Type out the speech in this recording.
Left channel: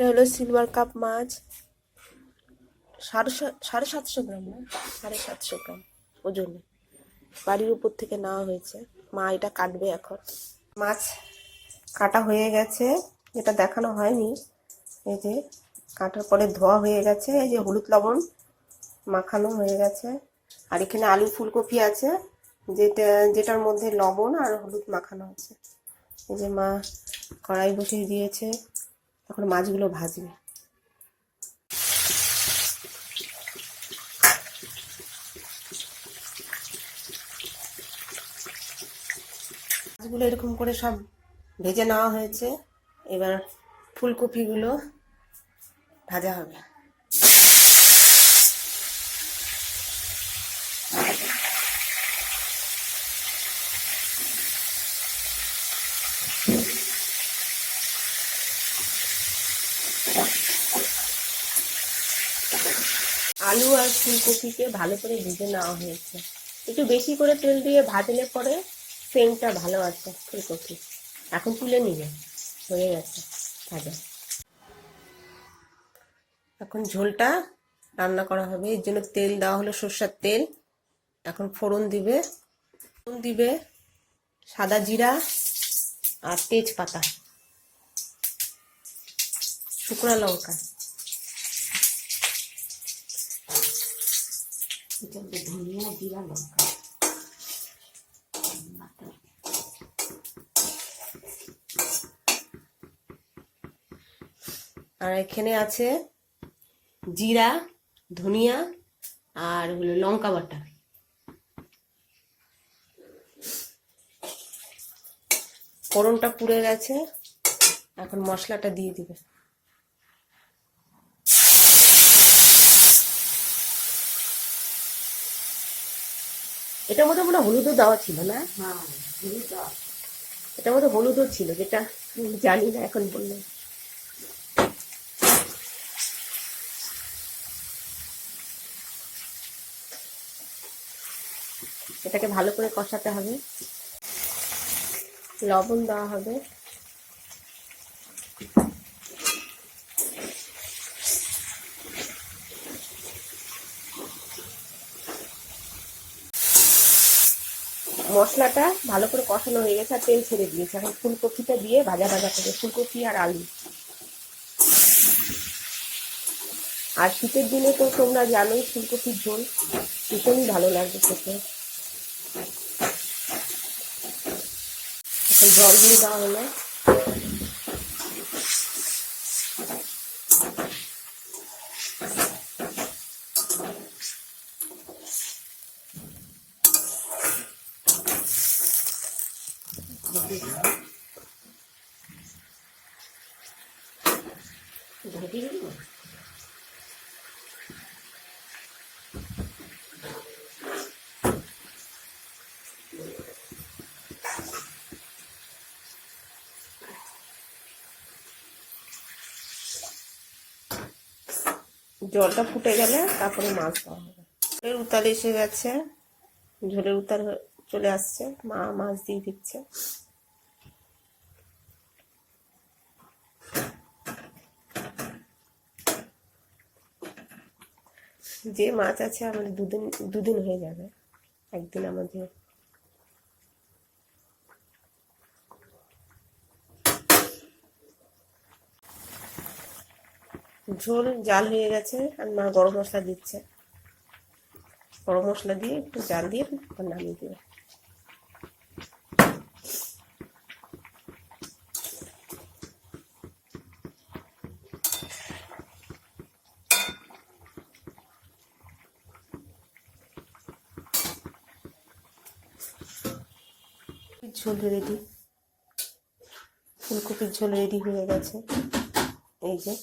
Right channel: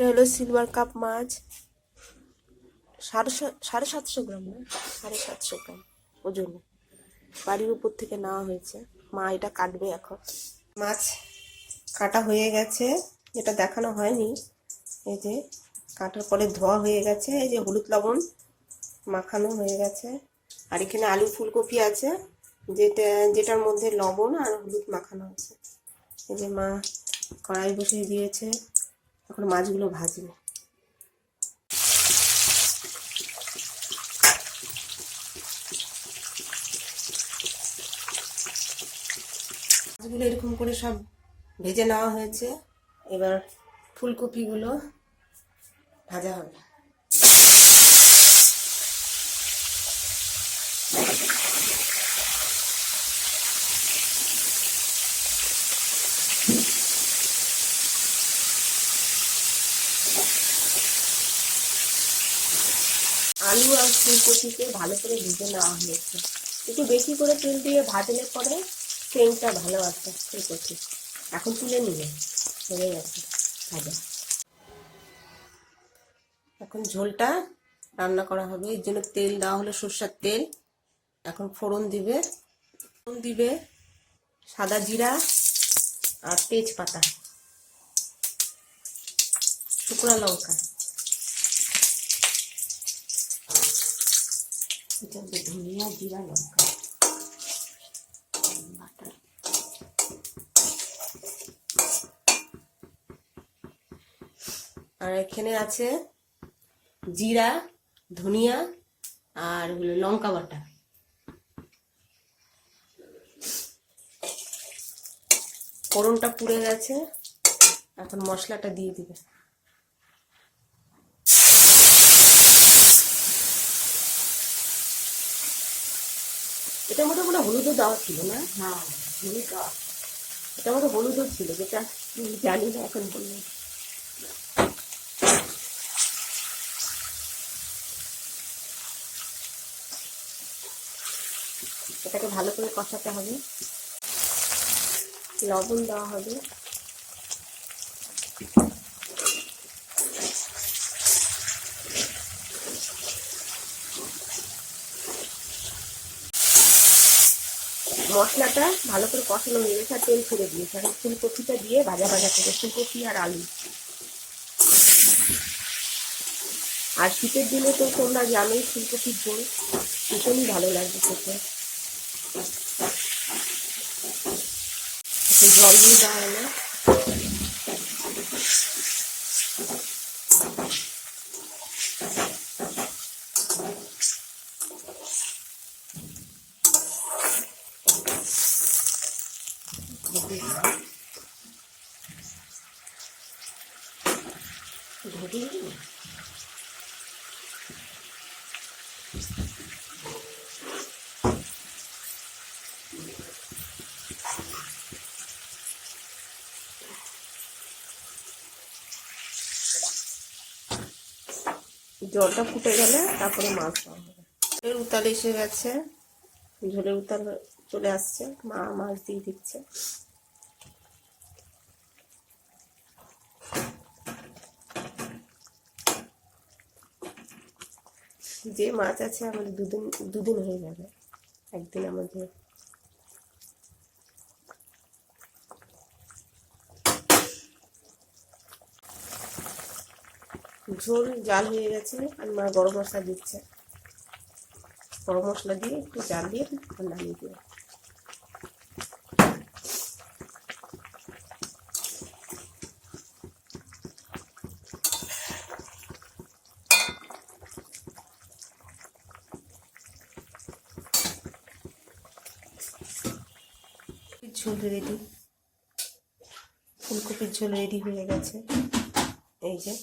এটা হলো silver cup মাছ। সাড়ে সাড়ে সাতশো গ্রাম না? সাড়ে সাতশো গ্রাম ওজনে। বাড়ির উপর থেকে নেওয়া হয়েছে। মা এটা কাটবে এখন। মাছ কাটা হয়ে গেছে। এটা দেখানো হয়নি। এই যে কাটার পরে ধোয়া হয়ে গেছে। এই যে হলুদ লবণ মাখানো হয়ে গেছে। আর এখানে আলু ফুলকপি আছে। যেটা, যেটার মধ্যে লবণ আর হলুদ মাখানো আছে। এই যে মা কড়াই বসিয়ে দিয়েছে। তখন মাছগুলো ভাজি মাছগুলো এরকম করে সব ভেজে নেওয়া হয়েছে। এবার ফুলকপিগুলো ভাজা হবে। আলু আর ফুলকপিকে ভালো করে ভেজে নেওয়া হয়েছে। একটু বেশি করে তেল দিয়ে ভাজলে পরে সেন্টটা ভালো আসে ফুলকপি এখন তুলে নিবে হয়ে গেছে, ভাজা। এখন ঝোলটা রান্না করা হবে। এর জন্য তেল দেওয়া হলো সর্ষের তেল। এখন ফোড়ন দিবে। ফোড়ন দিবে সাদা জিরা আর তেজপাতা। শুকনো লঙ্কা। এটা ধনিয়া জিরা লঙ্কা। আর এখানে আছে জিরা, ধনিয়া আর হলো লঙ্কা বাটা। ফোড়নটা পুড়ে গেছে, এখন মশলাটা দিয়ে দিবে। এটার মধ্যে মনে হলুদও দেওয়া ছিল না? হ্যাঁ। এটার মধ্যে হলুদও ছিল যেটা জানি না এখন বললে। এটাকে ভালো করে কষাতে হবে। লবণ দেওয়া হবে। মশলাটা ভালো করে কষানো হয়ে গেছে আর তেল ছেড়ে দিয়েছে। এখন ফুলকপিটা দিয়ে ভাজা ভাজা করে ফুলকপি আর আলু। আর শীতের দিনে তো তোমরা জানোই ফুলকপির ঝোল, ভীষণই ভালো লাগবে খেতে। এখন জল দিয়ে দেওয়া হয় ঢেকে জলটা ফুটে গেলে তারপরে মাছ দেওয়া হবে। ঝোলের উতাল এসে গেছে। ঝোলের উতাল চলে আসছে, মা মাছ দিয়ে দিচ্ছে। যে মাছ আছে আমাদের দুদিন দুদিন হয়ে যাবে, একদিন আমাদের। ঝোল জাল হয়ে গেছে, আর মা গরম মশলা দিচ্ছে। গরম মশলা দিয়ে একটু জাল দিয়ে নামিয়ে দেবে। ঝোল রেডি ফুলকপির ঝোল রেডি হয়ে গেছে। এই যে।